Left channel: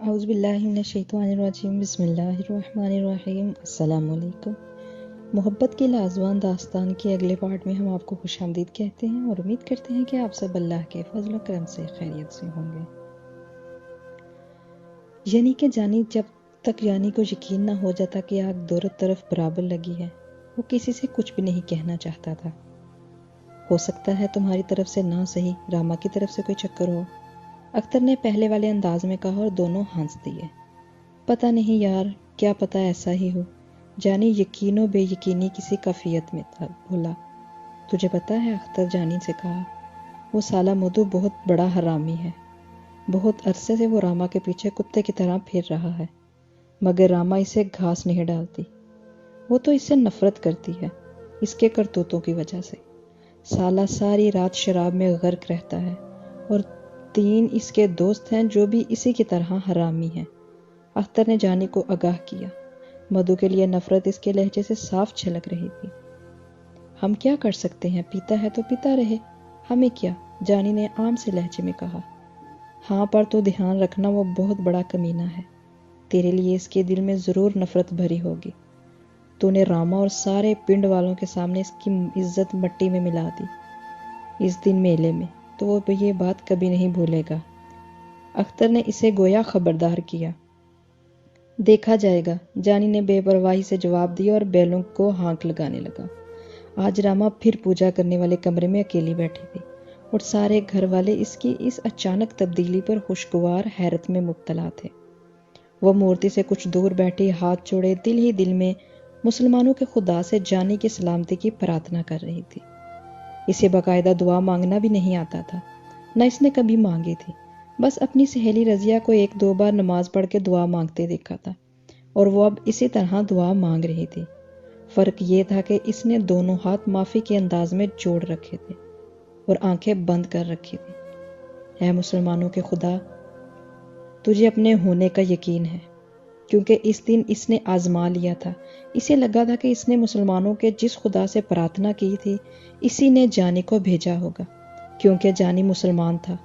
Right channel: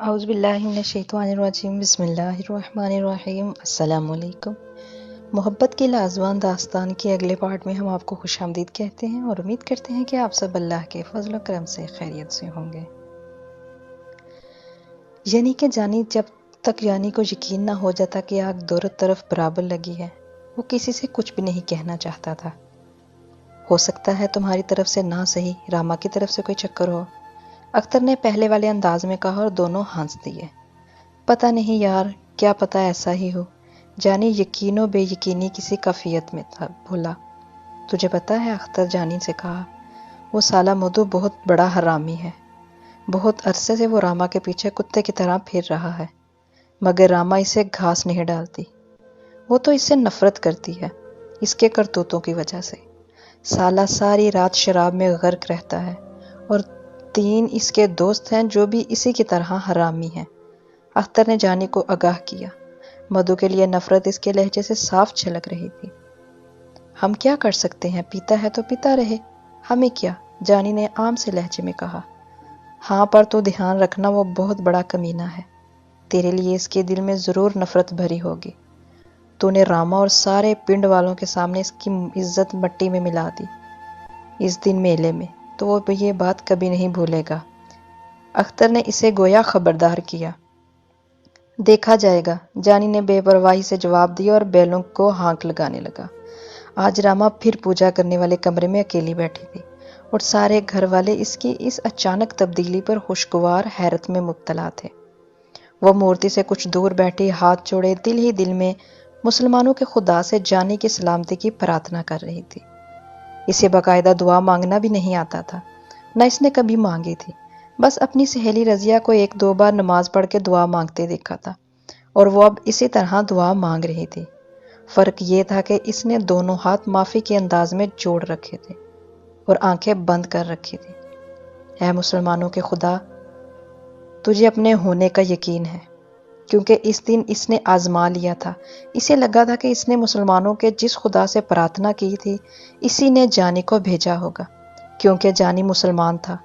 اعوذ باللہ من الشیطان الرجیم بسم اللہ الرحمن الرحیم السلام علیکم۔ محبت کی لازوان داستان کے اگلے پارٹ میں ہم آپ کو خوش آمدید کہتے ہیں اور امید کرتے ہیں کہ آپ سب اللہ کے فضل و کرم سے خیریت سے ہوں گے۔ یعنی کہ جب تک جانی کو یقین نہ ہو جاتا کہ آگ دونوں طرف برابر لگی ہے، وہ کسی سے کچھ بھی نہیں کہنا چاہتا تھا۔ ہو سکتا ہے تمہاری طرف سے نہ صحیح راما کی طرف سے کوئی چکر ہو، اختر نے پہلے والے انداز میں کہا اور دونوں ہنس دیے۔ پتہ نہیں یار، کیا پتہ ایسا ہی ہو۔ جانی یقین و بے یقینی کسی کیفیت میں تھا۔ بولا، تجھے پتہ ہے، اختر جانی سے کہا، وہ سالہ مدو بہت بڑا حرامی ہے۔ بہت عرصے سے وہ راما کے پیچھے کتے کی طرح پھر رہا ہے، مگر راما اسے گھاس نہیں ڈالتی۔ وہ تو اس سے نفرت کرتی ہے، اس کے کرتوتوں کی وجہ سے۔ سالہ ساری رات شراب میں غرق رہتا ہے، اور 3 اس کے دوست ہیں جو بھی اسی کی طرح حرامی ہیں۔ اختر نے جانی کو آگاہ کیا۔ مدو کے لیے نفرت اس کے لہجے سے صاف جھلک رہی تھی۔ ہم کیا کر سکتے ہیں، پیتا ہے تو پیتا رہے، ہمیں کیا، جانی نے عام سے لہجے میں کہا۔ ہاں، پر تو دھیان رکھنا، وہ بہت بڑا کمینہ ہے۔ تیرے لیے اس کے دل میں ضرور نفرت بھری ہوگی۔ تو نے راما اور سارے پنڈ والوں کے سامنے اس کی عزت مٹی میں ملا دی اس دن میلے میں، تو وہ یہ بات کبھی نہیں بھولے گا۔ اختر نے اسے گویا خبردار کیا۔ دیکھا جائے گا، جانی نے بے پرواہی سے جواب دیا اور بیلوں کو ہانک لگانے لگا۔ آج راما پھر پوجا کرنے والے کمرے میں اکیلی بیٹھی تھی، اور سارے گھر والے اس کی اس اچانک تبدیلی پر خوشگوار حیرت میں مبتلا تھے۔ وہ مورتی سے کچھ دور بیٹھی ہاتھ جوڑے دل ہی دل میں مسلمانوں کے خدا سے جانی کی سلامتی کی پرارتھنا کر رہی تھی۔ اسے باقاعدہ دعا مانگنا بھی نہیں آتا تھا، نہ اس نے کبھی مانگی تھی۔ بس اپنی سہیلی رضیہ کو 1-2 بار نماز پڑھ کے دعا مانگتے دیکھا تھا، اور وہ اب اسی طرح دعا مانگ رہی تھی۔ فرق یہ تھا کہ اس نے دونوں ہاتھ معافی کے انداز میں جوڑ رکھے تھے اور آنکھیں بند کر رکھی تھی۔ اے مسلمانوں کے خدا، تجھے اپنے ہونے کا یقین ہے، کیونکہ اس دن اس نے آزما لیا تھا۔ اسے لگا تھا کہ اس نے مسلمانوں کے جس خدا سے پرارتھنا کی تھی، اسی نے جانی کو بھیجا ہوگا۔ کیونکہ جانی مسلمان تھا،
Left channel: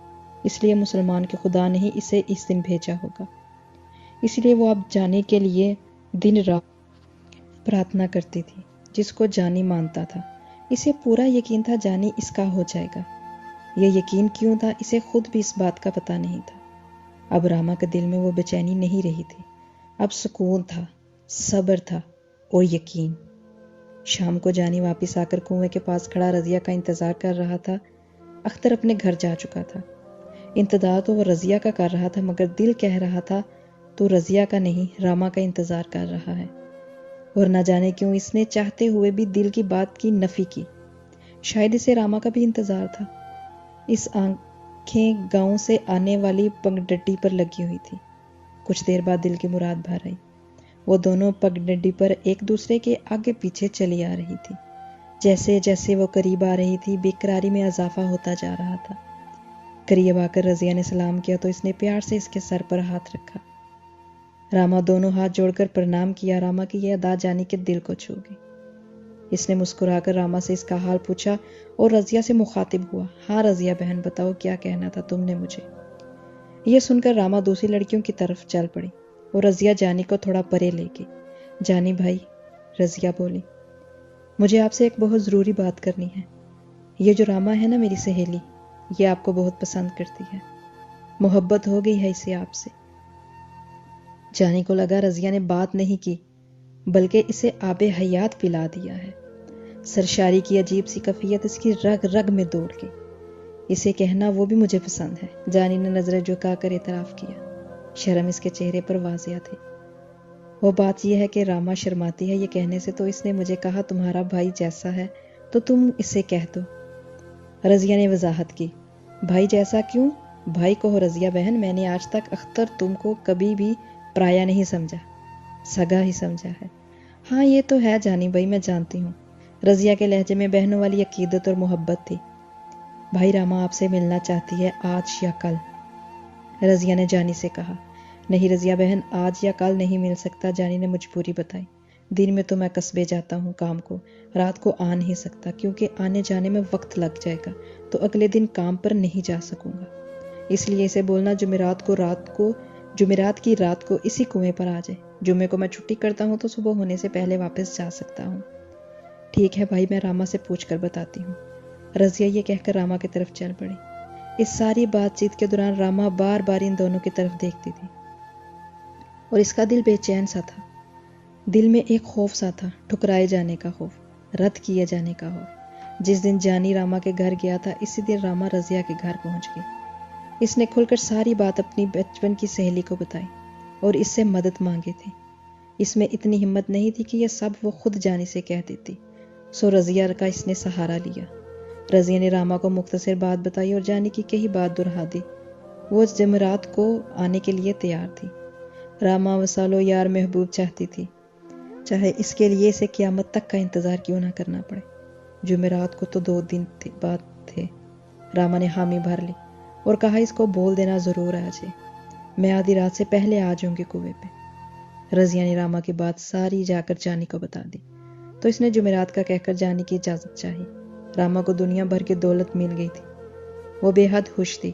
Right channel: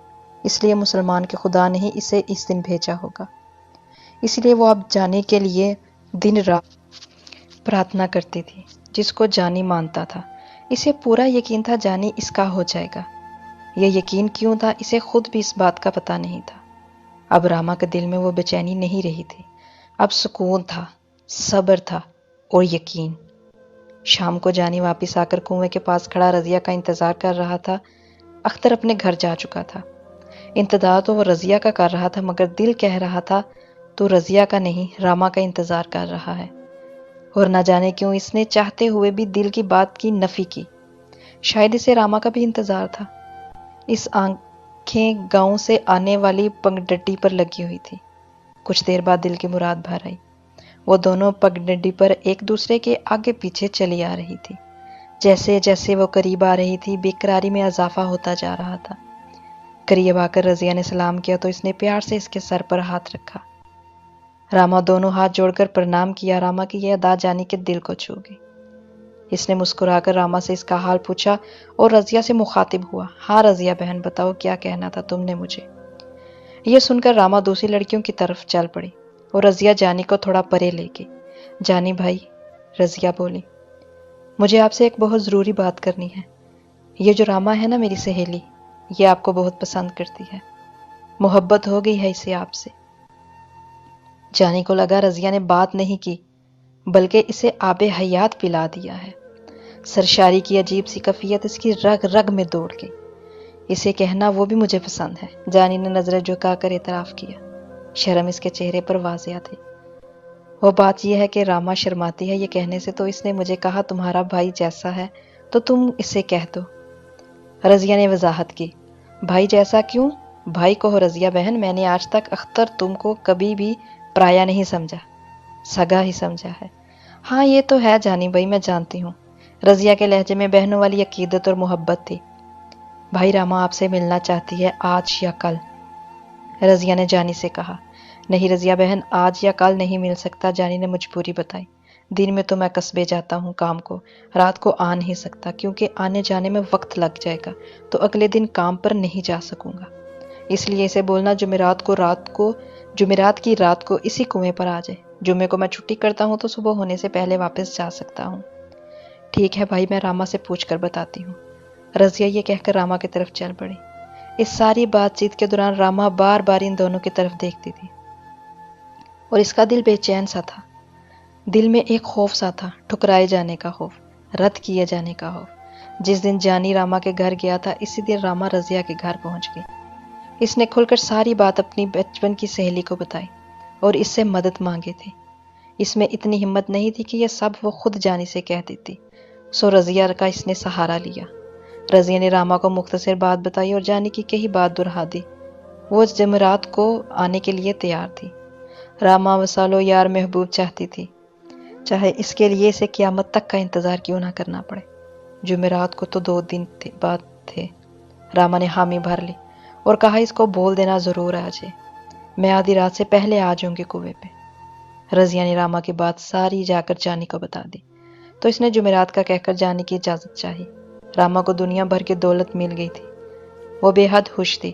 اس لیے مسلمان کے خدا نے ہی اسے اس دن بھیجا ہوگا۔ اس لیے وہ اب جانی کے لیے دن رات پرارتھنا کرتی تھی، جس کو جانی مانتا تھا۔ اسے پورا یقین تھا جانی اس کا ہو جائے گا۔ یہ یقین کیوں تھا، اسے خود بھی اس بات کا پتہ نہیں تھا۔ اب راما کے دل میں وہ بے چینی نہیں رہی تھی، اب سکون تھا، صبر تھا اور یقین۔ شام کو جانی واپس آ کر کنویں کے پاس کھڑا رضیہ کا انتظار کر رہا تھا۔ اختر اپنے گھر جا چکا تھا۔ انتظار تو وہ رضیہ کا کر رہا تھا، مگر دل کہہ رہا تھا تو رضیہ کا نہیں، راما کا انتظار کر رہا ہے۔ اور نہ جانے کیوں اس نے چاہتے ہوئے بھی دل کی بات کی نفی کی۔ شاید اسے راما کا بھی انتظار تھا۔ اس آنکھیں گاؤں سے آنے والی پگڈنڈی پر لگی ہوئی تھی۔ کچھ دیر بعد دل کی مراد بھر آئی۔ وہ دونوں پگڈنڈی پر ایک دوسرے کے آگے پیچھے چلی آ رہی تھی۔ جیسے جیسے وہ قریب آ رہی تھی، بے قراری میں اضافہ ہوتا جا رہا تھا۔ قریب آ کر رضیہ نے سلام کیا تو اس نے پیار سے اس کے سر پر ہاتھ رکھا۔ راما دونوں ہاتھ جوڑ کر پرنام کیا۔ راما کی یہ ادا جانی کے دل کو چھو گئی۔ اس نے مسکرا کر راما سے اس کا حال پوچھا اور رضیہ سے مخاطب ہوا۔ ہاں رضیہ بہن، بتاؤ کیا کہنا تھا تم نے مجھے؟ یہ سن کر راما دوسری لڑکیوں کی طرف چل پڑی اور رضیہ جانی کو تھوڑا پرے لے گئی۔ جانی بھائی، رضیہ بولی، مجھے آپ سے ایک بہت ضروری بات کرنی ہے۔ یہ جو راما ہے نا، میری سہیلی، یہ آپ کو بہت پسند کرتی ہے، محبت ہو گئی ہے اسے آپ سے۔ جانی کو لگا رضیہ نے بات نہیں کی، بلکہ اسے آب حیات پلا دیا ہے۔ سرشاری کی عجیب سی کیفیت اس کی رگ رگ میں دوڑ گئی۔ اسے کہنا وہ بھی مجھے پسند ہے۔ جانی نے نظریں جھکا کر اعتراف کیا۔ شرم اس کے چہرے پر واضح تھی۔ وہ بات یہ ہے کہ راما شرماتی ہے یہ کہنے سے، تو اس نے مجھے کہا تمہارا بھائی جیسا ہے تو تم اسے کہہ دو۔ رضیہ نے وضاحت کی۔ بھائی جیسا کیوں؟ بھائی کہو رضیہ بہن، میں نے آج تک اختر تم کو کبھی بھی پرایا نہیں سمجھا، سگا ہی سمجھا ہے۔ ہاں یہ تو ہے جانی بھائی، میں جانتی ہوں۔ رضیہ کے لہجے میں بہنوں والی عقیدت اور محبت تھی۔ بھائی راما آپ سے ملنا چاہتی ہے، آج یا کل، رضیہ نے جانی سے کہا۔ نہیں رضیہ بہن، آج یا کل نہیں مل سکتا، جانی نے مجبوری بتائی۔ دن میں تو میں قصبے جاتا ہوں کام کو، رات کو آ نہیں سکتا، کیونکہ آنے جانے میں وقت لگ جائے گا تو اگلے دن کام پر نہیں جا سکوں گا۔ اس لیے اسے بولنا جمعرات کو رات کو جمعرات کی رات کو اسی کنویں پر آ جائے. جمعے کو میں چھٹی کرتا ہوں تو صبح ہونے سے پہلے واپس جا سکتا ہوں. ٹھیک ہے بھائی، میں راما سے پوچھ کر بتاتی ہوں. رضیہ یہ کہہ کر راما کی طرف چل پڑی. اس ساری بات چیت کے دوران راما بار بار ان دونوں کی طرف دیکھتی تھی اور اس کا دل بے چین سا تھا. دل میں ایک خوف سا تھا، ٹھکرائے جانے کا خوف، رد کیے جانے کا خوف. جس دن جانی راما کے گھر گیا تھا اسی دن راما رضیہ کے گھر پہنچ گئی. اس نے کھل کر ساری بات اپنی بچپن کی سہیلی کو بتائی اور اس سے مدد مانگی تھی. اس میں اتنی ہمت نہیں تھی کہ یہ سب وہ خود جانی سے کہہ دیتی، سو رضیہ کا اس نے سہارا لیا. رضیہ نے راما کو مختصر بات بتائی اور جانی کی کئی بات دہرا دی. وہ جمعرات کو آنے کے لیے تیار تھی. راما وصالو یار محبوب چاہتی تھی، چاہے اس کے لیے اسے قیامت تک کا انتظار کیوں نہ کرنا پڑے. جمعرات کو تو 2 دن بعد تھے. راما نے حامی بھر لی اور کہا اس کو بول دینا ضرور آ جائے، میں آدھی رات سے پہلے آ جاؤں گی کنویں پہ. رضیہ نے راما کی بات ساری جا کر جانی کو بتا دی تو اس نے جمعرات کا کہہ کر جانے کی اجازت چاہی. راما کو دنیا بھر کی دولت مل گئی تھی. وہ بے حد خوش تھی،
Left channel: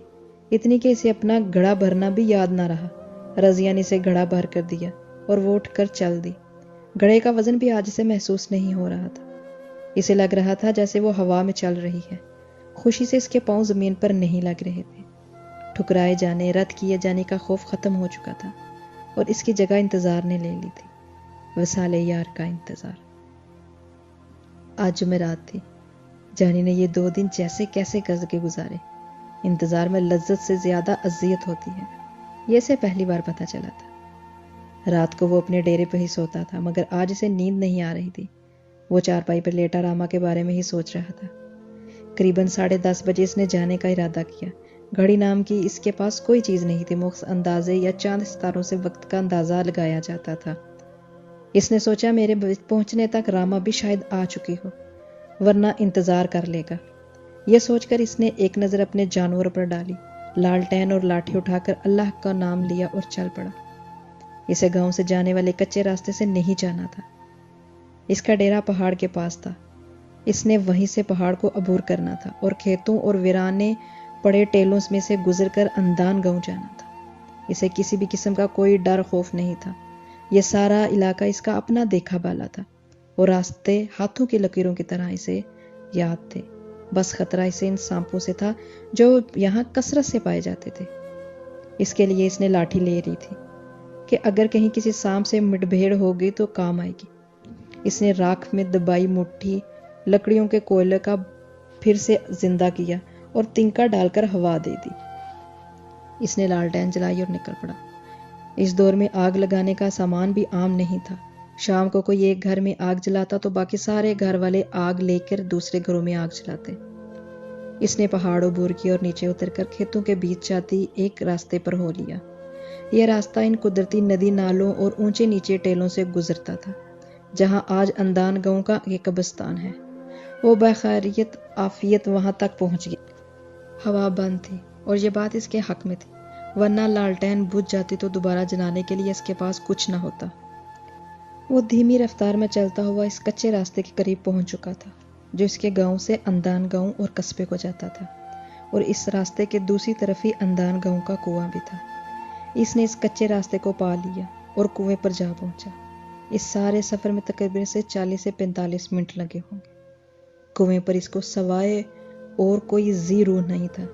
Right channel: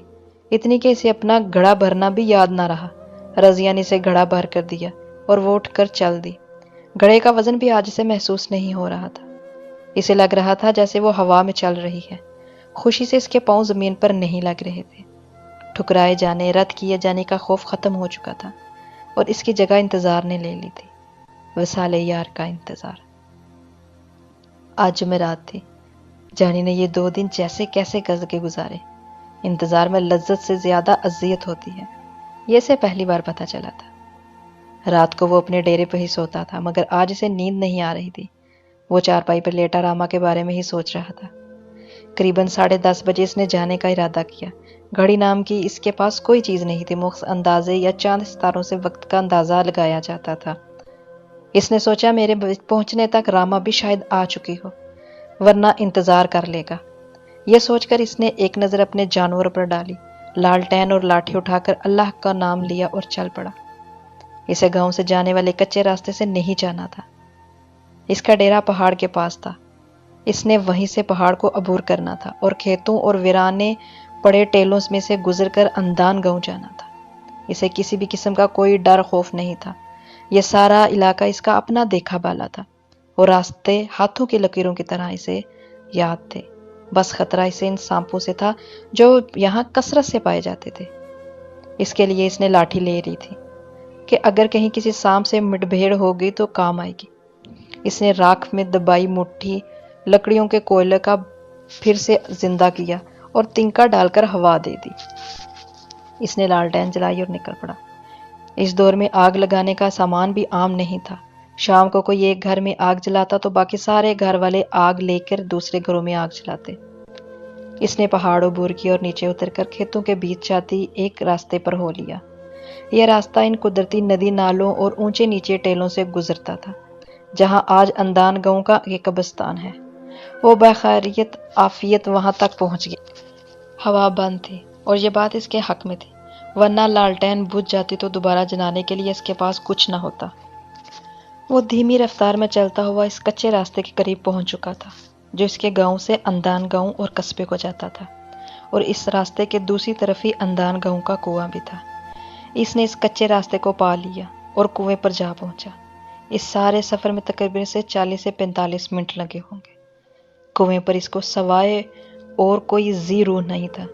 اتنی کہ اسے اپنا گھڑا بھرنا بھی یاد نہ رہا. رضیہ نے اسے گھڑا بھر کر دیا اور وہ اٹھ کر چل دی. گھڑے کا وزن بھی آج سے محسوس نہیں ہو رہا تھا. اسے لگ رہا تھا جیسے وہ ہوا میں چل رہی ہے. خوشی سے اس کے پاؤں زمین پر نہیں لگ رہے تھے. ٹھکرائے جانے، رد کیے جانے کا خوف ختم ہو چکا تھا اور اس کی جگہ انتظار نے لے لی تھی، وصال یار کا انتظار. آج جمعرات تھی. جانی نے یہ 2 دن جیسے کیسے کر کے گزارے. انتظار میں لذت سے زیادہ اذیت ہوتی ہے، یہ اسے پہلی بار پتہ چلا تھا. رات کو وہ اپنے ڈیرے پہ ہی سوتا تھا مگر آج اسے نیند نہیں آ رہی تھی. وہ چارپائی پر لیٹا راما کے بارے میں ہی سوچ رہا تھا. قریباً 10:30 بجے اس نے جانے کا ارادہ کیا. گھڑی نام کی اس کے پاس کوئی چیز نہیں تھی. مخص اندازے یا چاند ستاروں سے وقت کا اندازہ لگایا جاتا تھا. اس نے سوچا میرے پہنچنے تک راما بھی شاید آ چکی ہو، ورنہ انتظار کر لے گا. یہ سوچ کر اس نے ایک نظر اپنے جانور پر ڈالی، لالٹین اور لاٹھی اٹھا کر اللہ کا نام لیا اور چل پڑا. اسے گاؤں سے جانے والے کچے راستے سے نہیں جانا تھا. اس کا ڈیرا پہاڑ کے پاس تھا. اس نے وہیں سے پہاڑ کو عبور کرنا تھا اور کھیتوں اور ویرانے پڑے ٹیلوں میں سے گزر کر اندان گاؤں جانا تھا. اسے کسی بھی قسم کا کوئی ڈر خوف نہیں تھا. یہ سارا علاقہ اس کا اپنا دیکھا بالا تھا اور راستے ہاتھوں کی لکیروں کی طرح اسے یاد تھے. بس خطرہ اسے ان سانپوں سے تھا جو یہاں کثرت سے پائے جاتے تھے. اس کے لیے اس نے لاٹھی لے لی تھی کہ اگر کہیں کسی سانپ سے مڈبھیڑ ہو گئی تو کام آئے گی. اس نے راکھ میں دبائی مٹھی لکڑیوں کے کوئلے کا پھر سے زندہ کیا اور تنکا ڈال کر ہوا دے دی. اس نے لالٹین جلائی اور نکل پڑا. اس دور میں آگ لگانے کا سامان بھی عام نہیں تھا. شام کو کوئی ایک گھر میں آگ جلاتا تو باقی سارے گھر والے آگ لے کر دوسرے گھروں میں آگ جلاتے. اس نے پہاڑ عبور کی اور نیچے اتر کر کھیتوں کے بیچ جاتی ایک راستے پر ہو لیا. یہ راستہ ان قدرتی ندی نالوں اور اونچے نیچے ٹیلوں سے گزرتا تھا جہاں آج اندان گاؤں کا ایک قبرستان ہے. وہ بخیریت عافیت وہاں تک پہنچ گئی. ہوا بند تھی اور یہ بات اس کے حق میں تھی، ورنہ لالٹین بجھ جاتی تو دوبارہ جلانے کے لیے اس کے پاس کچھ نہ ہوتا. وہ دھیمی رفتار میں چلتا ہوا اس کچے راستے کے قریب پہنچ چکا تھا جو اس کے گاؤں سے اندان گاؤں اور قصبے کو جاتا تھا، اور اس راستے کے دوسری طرف ہی اندان گاؤں کا کنواں بھی تھا. اس نے اس کچے راستے کو پا لیا اور کنویں پر جا پہنچا. اس سارے سفر میں تقریباً سے 40 سے 45 منٹ لگے ہوں گے. کنویں پر اس کو سوائے اور کوئی ذی روح نہیں تھا.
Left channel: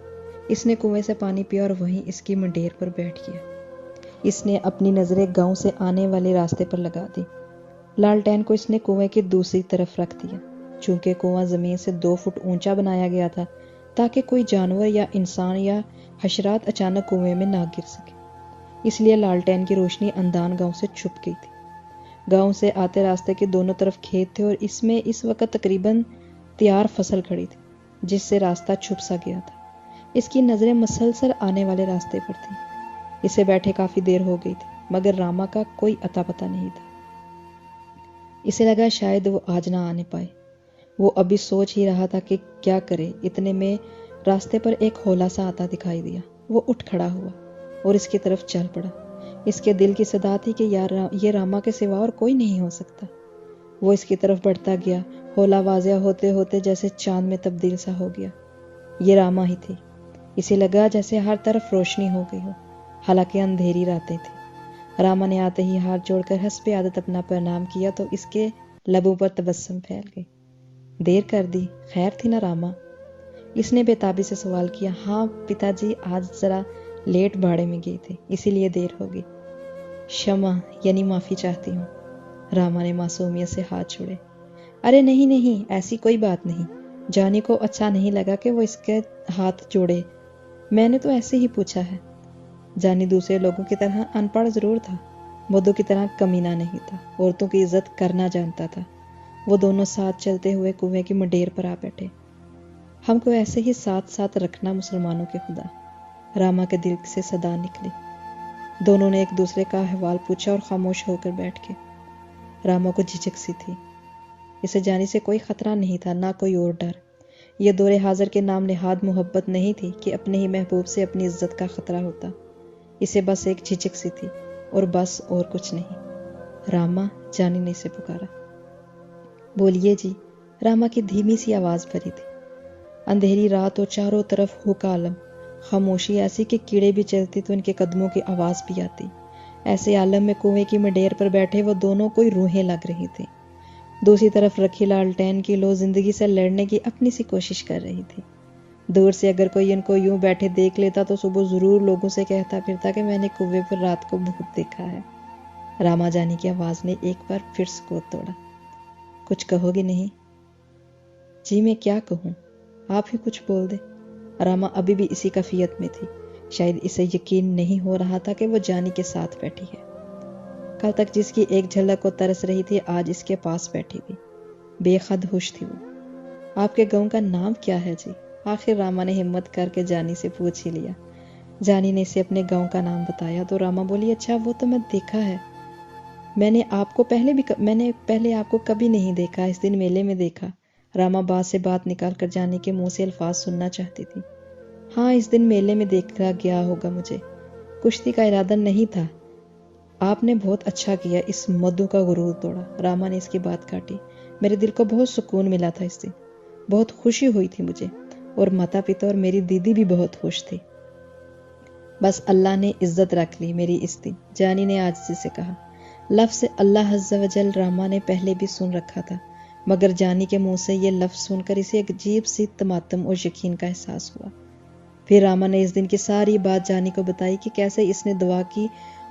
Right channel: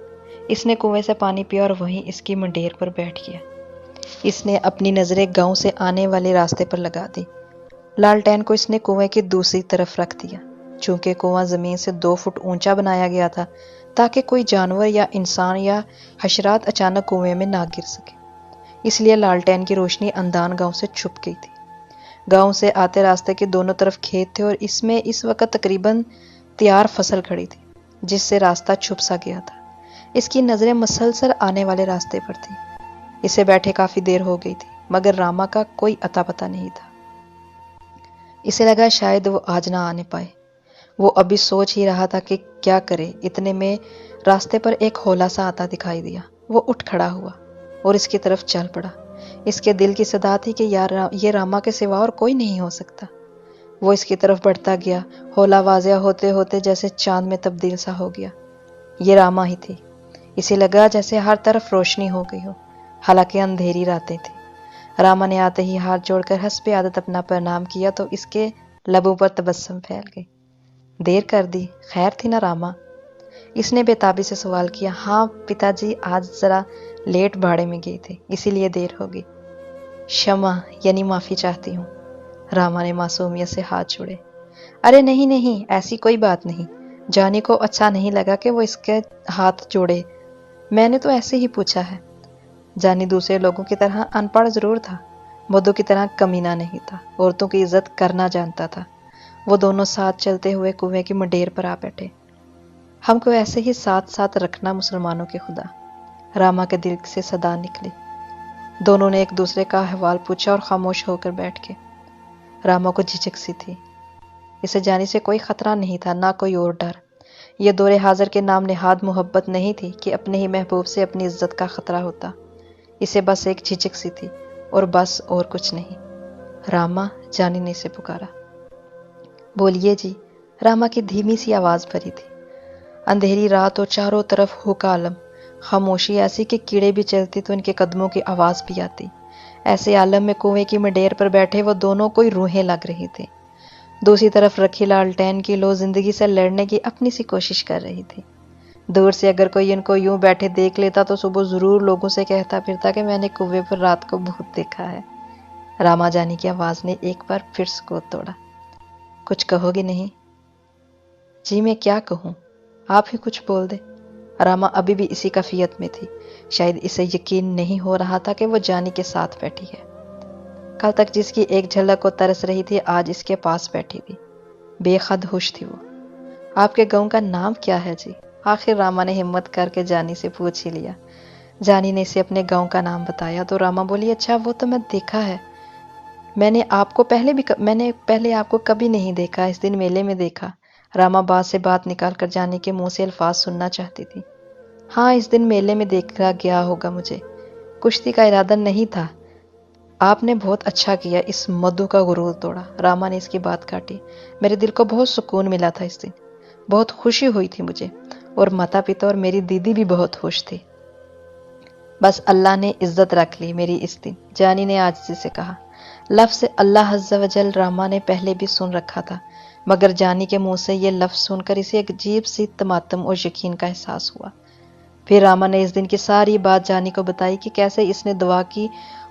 اس نے کنویں سے پانی پیا اور وہیں اس کی منڈیر پر بیٹھ گیا. اس نے اپنی نظریں گاؤں سے آنے والے راستے پر لگا دی. لالٹین کو اس نے کنویں کی دوسری طرف رکھ دیا. چونکہ کنواں زمین سے 2 فٹ اونچا بنایا گیا تھا تاکہ کوئی جانور یا انسان یا حشرات اچانک کنویں میں نہ گر سکے، اس لیے لالٹین کی روشنی اندان گاؤں سے چھپ گئی تھی. گاؤں سے آتے راستے کے دونوں طرف کھیت تھے اور اس میں اس وقت تقریباً تیار فصل کھڑی تھی جس سے راستہ چھپ سا گیا تھا. اس کی نظریں مسلسل آنے والے راستے پر تھیں. اسے بیٹھے کافی دیر ہو گئی تھی مگر راما کا کوئی اتا پتہ نہیں تھا. اسے لگا شاید وہ آج نہ آنے پائے. وہ ابھی سوچ ہی رہا تھا کہ کیا کرے، اتنے میں راستے پر ایک ہولا سا آتا دکھائی دیا. وہ اٹھ کھڑا ہوا اور اس کی طرف چل پڑا. اس کے دل کی صدا تھی کہ یہ راما کے سوا اور کوئی نہیں ہو سکتا. وہ اس کی طرف بڑھتا گیا. ہولا واضح ہوتے ہوتے جیسے چاند میں تبدیل سا ہو گیا. یہ راما ہی تھی. اسے لگا جیسے ہر طرف روشنی ہو گئی ہو. حالانکہ اندھیری راتیں تھیں۔ راما نے آتے ہی ہاتھ جوڑ کر حسب عادت اپنا پرنام کیا تو اس کے لبوں پر تبسم پھیل گئی۔ دیر کر دی، خیر تھی نا راما؟ اس نے بے تابی سے سوال کیا۔ ہاں پتا جی، آج ذرا لیٹ بھاڑے میں گئی تھی، اسی لیے دیر ہو گئی۔ شمع یعنی معافی چاہتی ہوں۔ راما نے معصومیت سے ہاتھ چھوڑے۔ ارے نہیں نہیں، ایسی کوئی بات نہیں۔ جانی کو اچھا نہیں لگا کہ وہ اس کے ہاتھ جوڑے، میں نے تو ایسے ہی پوچھا ہے۔ جانی دوسرے لوگوں کی طرح ان پڑھ ضرور تھا، مدو کی طرح کمینہ نہیں تھا، عورتوں کی عزت کرنا جانتا تھا۔ وہ دونوں ساتھ چلتے ہوئے کنویں کی منڈیر پر آ بیٹھے۔ ہم کو ایسے ہی ساتھ ساتھ رکھنا مسلمانوں کے خدا، راما کے دل سے صدا نکلی۔ دونوں نے ایک دوسرے کا احوال پوچھا اور خاموش ہو کر بیٹھ گئے۔ راما کو جھجک سی تھی، اسے جانی سے کوئی خطرہ نہیں تھا، نہ کوئی اور ڈر۔ یہ دور حاضر کے نام نہاد محبت نہیں تھی کہ اپنے ہی محبوب سے اپنی عزت کا خطرہ ہوتا۔ اسے بس ایک جھجک سی تھی، اور بس اور کچھ نہیں۔ راما، جانی نے اسے پکارا۔ بولیے جی، راما کی دھیمی سی آواز بھری تھی۔ اندھیری رات اور چاروں طرف ہو کا عالم، خاموشی ایسی کہ کیڑے بھی چلتی تو ان کے قدموں کی آواز بھی آتی۔ ایسے عالم میں کنویں کی منڈیر پر بیٹھے وہ دونوں کوئی روحیں لگ رہی تھی۔ دوسری طرف رکھی لالٹین کی لو زندگی سے لڑنے کی اپنی سی کوشش کر رہی تھی۔ دور سے اگر کوئی ان کو یوں بیٹھے دیکھ لیتا تو صبح ضرور لوگوں سے کہتا پھرتا کہ میں نے کنویں پر رات کو بھوت دیکھا ہے۔ راما جانی کی آواز نے ایک بار پھر سکوت توڑا۔ کچھ کہو گی نہیں؟ جی میں کیا کہوں، آپ ہی کچھ بول دے۔ راما ابھی بھی اسی کیفیت میں تھی، شاید اسے یقین نہیں ہو رہا تھا کہ وہ جانی کے ساتھ بیٹھی ہے۔ کل تک جس کی ایک جھلک کو ترس رہی تھی، آج اس کے پاس بیٹھی تھی۔ بے حد خوش تھی وہ۔ آپ کے گاؤں کا نام کیا ہے جی؟ آخر راما نے ہمت کر کے جانی سے پوچھ ہی لیا۔ جانی نے اسے اپنے گاؤں کا نام بتایا تو راما بولی، اچھا وہ تو میں دیکھا ہے، میں نے پہلے آپ کو کبھی نہیں دیکھا، اس دن میلے میں دیکھا۔ راما بات سے بات نکال کر جانی کے منہ سے الفاظ سننا چاہتی تھی۔ ہاں اس دن میلے میں دیکھا گیا ہوگا مجھے، کشتی کا ارادہ نہیں تھا، آپ نے بہت اچھا کیا، اس مدو کا غرور توڑا۔ راما نے اس کی بات کاٹی۔ میرے دل کو بہت سکون ملا تھا اس دن، بہت خوشی ہوئی تھی مجھے، اور ماتا پتا اور میری دیدی بھی بہت خوش تھی۔ بس اللہ نے عزت رکھ لی میری اس دن، جانی نے عاجزی سے کہا۔ لفظ اللہ عز و جل راما نے پہلے بھی سن رکھا تھا، مگر جانی کے منہ سے یہ لفظ سن کر اسے ایک عجیب سی تماتم اور یقین کا احساس ہوا۔ پھر راما نے اس دن کی ساری بات جانی کو بتائی کہ کیسے اس نے دعا کی،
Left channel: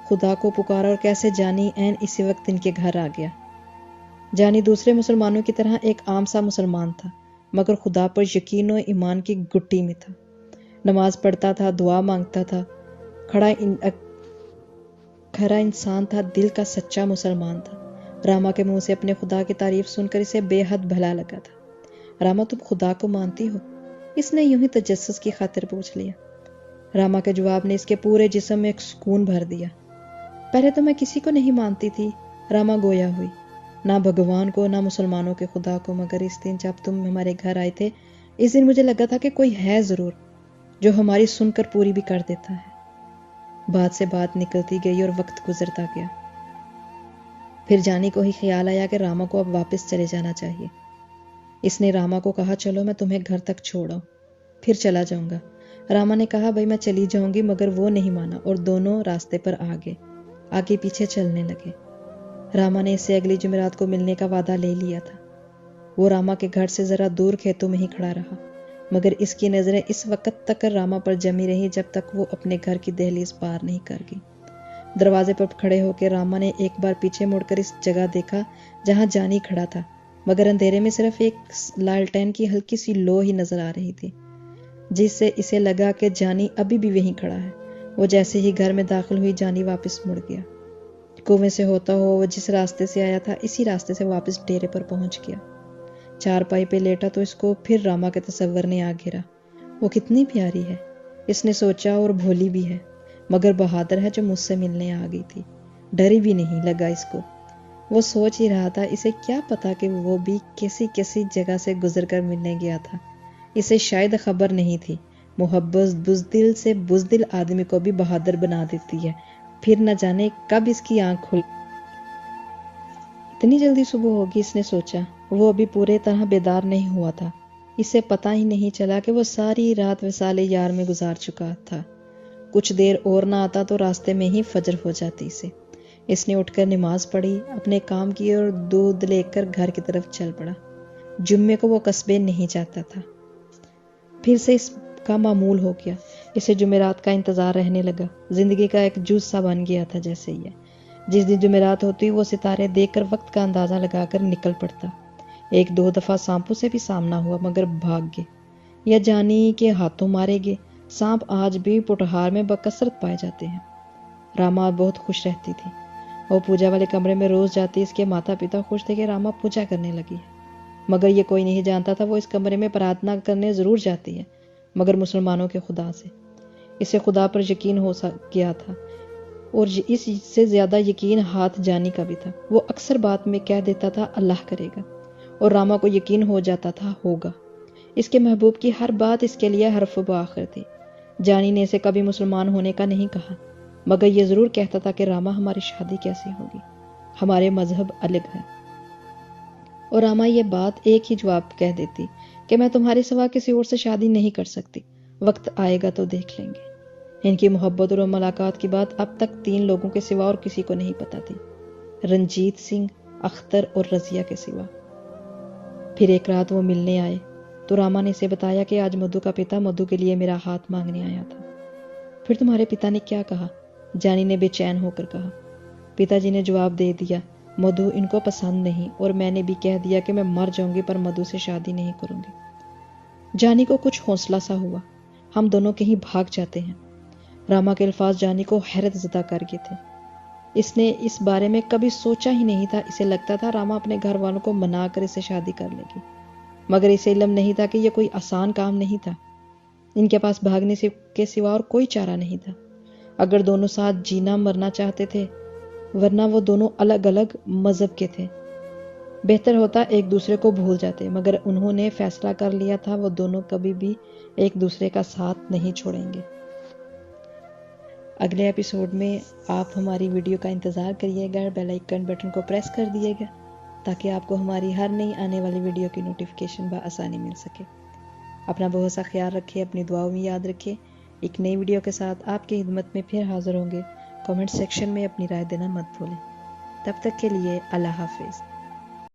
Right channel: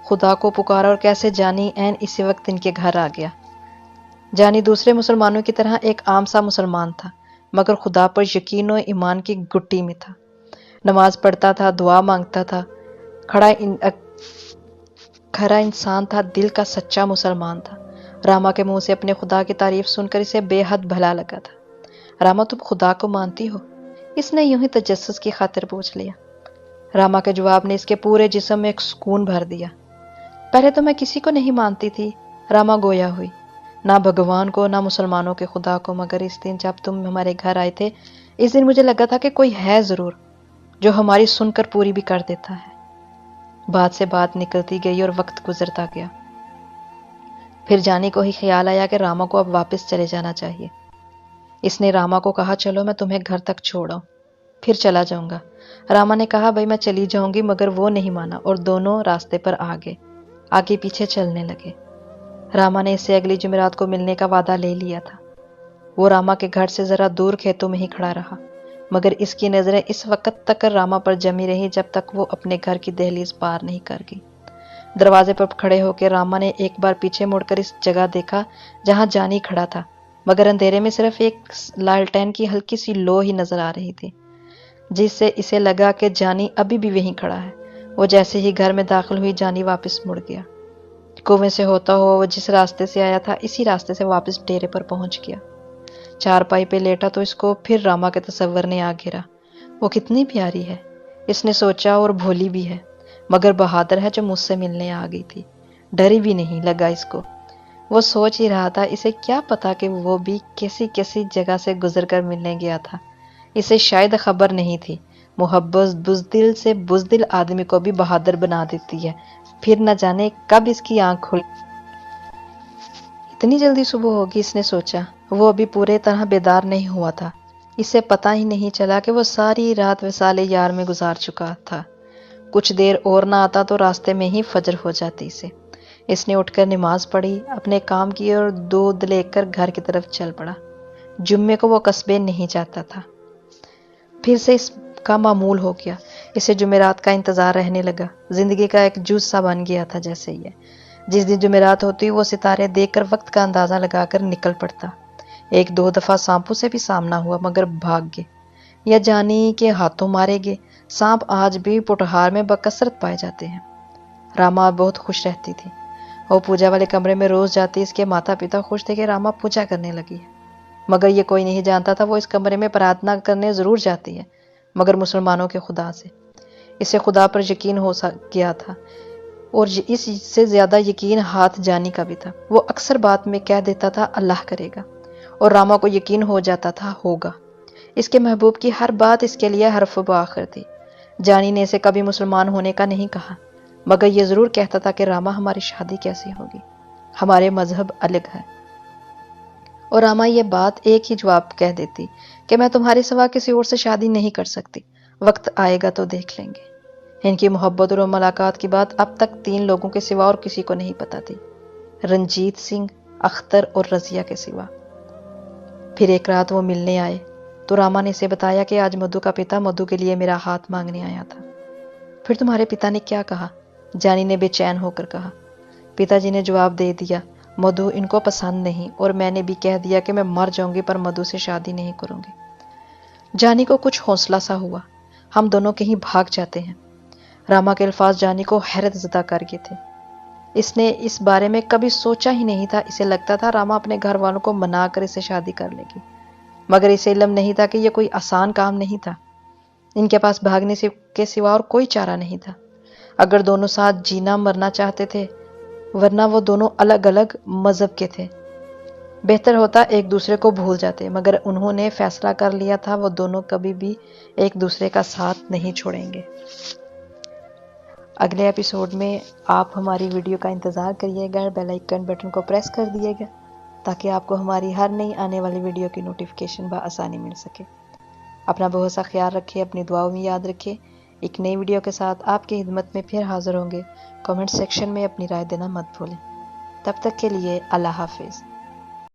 خدا کو پکارا، اور کیسے جانی عین اسی وقت ان کے گھر آ گیا۔ جانی دوسرے مسلمانوں کی طرح ایک عام سا مسلمان تھا، مگر خدا پر یقین و ایمان کی گٹی میں تھا۔ نماز پڑھتا تھا، دعا مانگتا تھا، کھرا انسان تھا، دل کا سچا مسلمان تھا۔ راما کے منہ سے اپنے خدا کی تعریف سن کر اسے بے حد بھلا لگا تھا۔ راما تم خدا کو مانتی ہو؟ اس نے یوں ہی تجسس کی خاطر پوچھ لیا۔ راما کے جواب نے اس کے پورے جسم میں ایک سکون بھر دیا۔ پہلے تو میں کسی کو نہیں مانتی تھی، راما گویا ہوئی، نہ بھگوان کو نہ مسلمانوں کے خدا کو، مگر اس دن جب تم ہمارے گھر آئے تھے، اس دن مجھے لگا تھا کہ کوئی ہے ضرور جو ہماری سن کر پوری بھی کر دیتا ہے۔ بات سے بات نکلتی گئی اور وقت گزرتا گیا۔ پھر جانی کو ہی خیال آیا کہ راما کو اب واپس چلے جانا چاہیے۔ اس نے راما کو کہا، چلو میں تمہیں گھر تک چھوڑاؤں، پھر چلا جاؤں گا۔ راما نے کہا، بھائی میں چلی جاؤں گی، مگر وہ نہیں مانا اور دونوں راستے پر آگے پیچھے چلنے لگے۔ راما نے اس سے اگلی جمعرات کو ملنے کا وعدہ لے لیا تھا۔ وہ راما کے گھر سے ذرا دور کھیتوں میں ہی کھڑا رہا، مگر اس کی نظریں اس وقت تک راما پر جمی رہی جب تک وہ اپنے گھر کی دہلیز پار نہیں کر گئی۔ دروازے پر کھڑے ہو کے راما نے ایک بار پیچھے مڑ کر اس جگہ دیکھا جہاں جانی کھڑا تھا، مگر اندھیرے میں صرف ایک لالٹین کی ہلکی سی لو ہی نظر آ رہی تھی، جس سے اسے لگا کہ جانی ابھی بھی وہیں کھڑا ہے۔ وہ جیسے ہی گھر میں داخل ہوئی، جانی واپس مڑ گیا۔ کنویں سے ہوتا ہوا وہ جس راستے سے آیا تھا، اسی راستے سے واپس ڈیرے پر پہنچ گیا۔ چارپائی پہ لیٹا تو اس کو پھر راما کے تصور نے آ گھیرا۔ وہ کتنی پیاری ہے، اس نے سوچا، اور بھولی بھی ہے، مگر بہادر ہے جو مجھ سے ملنے آ گئی تھی، ڈری بھی نہیں لگا اس کو۔ وہ سوچ ہی رہا تھا، اسے کیا پتا کہ وہ بھی کسی جگہ سے گزر کر ملنے گیا تھا۔ اسے شاید خبر نہیں تھی، محبت بزدل سے بزدل آدمی کو بھی بہادر بنا دیتی ہے۔ پھر نہ جانے کب اس کی آنکھ کھل۔ اتنی جلدی صبح ہوگی، اس نے سوچا۔ وہ ابھی پورے طرح بیدار نہیں ہوا تھا، اسے پتہ ہی نہیں چلا کہ وہ ساری رات وصال یار میں گزار چکا تھا۔ کچھ دیر اور نہ آتا تو راستے میں ہی فجر ہو جاتی اسے۔ اس نے اٹھ کر نماز پڑھی، اپنے کام کیے اور دودھ لے کر گھر کی طرف چل پڑا۔ جمعے کو وہ قصبے نہیں جاتا تھا۔ پھر سے اس کا معمول ہو گیا، اسے جمعرات کا انتظار رہنے لگا۔ زندگی کا ایک جز سا بن گیا تھا جیسے یہ۔ جس دن جمعرات ہوتی وہ ستارے دیکھ کر وقت کا اندازہ لگا کر نکل پڑتا۔ ایک دو دفعہ سانپوں سے بھی سامنا ہوا مگر بھاگ گئے یا جانی کے ہاتھوں مارے گئے۔ سانپ آج بھی پوٹہار میں بکثرت پائے جاتے ہیں۔ راما بہت خوش رہتی تھی۔ وہ پوجا والے کمرے میں روز جاتی۔ اس کے ماتا پتا خوش تھے کہ راما پوجا کرنے لگی ہے، مگر یہ کوئی نہیں جانتا تھا وہ اس کمرے میں پرارتھنا کرنے ضرور جاتی ہے، مگر مسلمانوں کے خدا سے۔ اسے خدا پر یقین ہو گیا تھا اور اس سے زیادہ یقین ہاتھ جانی کا بھی تھا۔ وہ اکثر بات میں کہہ دیتا تھا اللہ کرے گا، اور راما کو یقین ہو جاتا تھا ہوگا۔ اس کے محبوب کی ہر بات اس کے لیے حرف بآخر تھی۔ جانی نے اسے کبھی مسلمان ہونے کا نہیں کہا، مگر یہ ضرور کہتا تھا کہ راما ہماری شادی کیسے ہوگی، ہمارے مذہب الگ ہے۔ اور راما یہ بات ایک ہی جواب کہہ دیتی کہ میں تمہارے سوا کسی اور سے شادی نہیں کر سکتی، وقت آئے گا تو دیکھ لیں گے۔ ان کی محبت اور ملاقات کی بات اب تک 3 لوگوں کے سوا اور کسی کو نہیں پتا تھی، رنجیت سنگھ، اختر اور رضیہ کے سوا۔ پھر ایک رات وہ ملنے آئے تو راما نے اسے بتایا کہ آج مدھو کا پتا مدھو کے لیے میرا ہاتھ مانگنے آیا تھا۔ پھر تمہارے پتا نے کیا کہا؟ جانی نے بے چین ہو کر کہا۔ پتا جی نے جواب دے دیا، مدھو ان کو پسند نہیں، اور میں نے بھی کہہ دیا کہ میں مر جاؤں گی پر مدھو سے شادی نہیں کروں گی۔ جانی کو کچھ حوصلہ سا ہوا، ہم دونوں کہیں بھاگ جاتے ہیں۔ راما کے الفاظ جانی کو حیرت زدہ کر گئے تھے۔ اس نے اس بارے میں کبھی سوچا ہی نہیں تھا۔ اسے لگتا تھا راما اپنے گھر والوں کو منا کر اسے شادی کر لے گی، مگر اسے علم نہیں تھا کہ یہ کوئی آسان کام نہیں تھا۔ ان کے پاس بھاگنے کے سوا اور کوئی چارہ نہیں تھا۔ اگر دونوں ساتھ جینا مرنا چاہتے تھے، ورنہ وہ دونوں الگ الگ مذہب کے تھے، بہتر ہوتا ایک دوسرے کو بھول جاتے، مگر انہوں نے فیصلہ کر لیا تھا وہ دونوں کبھی بھی ایک دوسرے کا ساتھ نہیں چھوڑیں گے۔ اگلے ایپیسوڈ میں آپ ہماری ویڈیو کا انتظار کریے گا، بیل آئیکن بٹن کو پریس کر دیے گا تاکہ آپ کو ہماری ہر نئی آنے والی ویڈیو کی نوٹیفیکیشن بآسانی مل سکے۔ اپنا بہت سا خیال رکھیں، اپنی دعاؤں میں یاد رکھیں۔ ایک نئی ویڈیو کے ساتھ آپ کی خدمت میں پھر حاضر ہوں گے۔ کمنٹ سیکشن میں اپنی رائے دینا مت بھولیں۔ تب تک کے لیے اللہ حافظ۔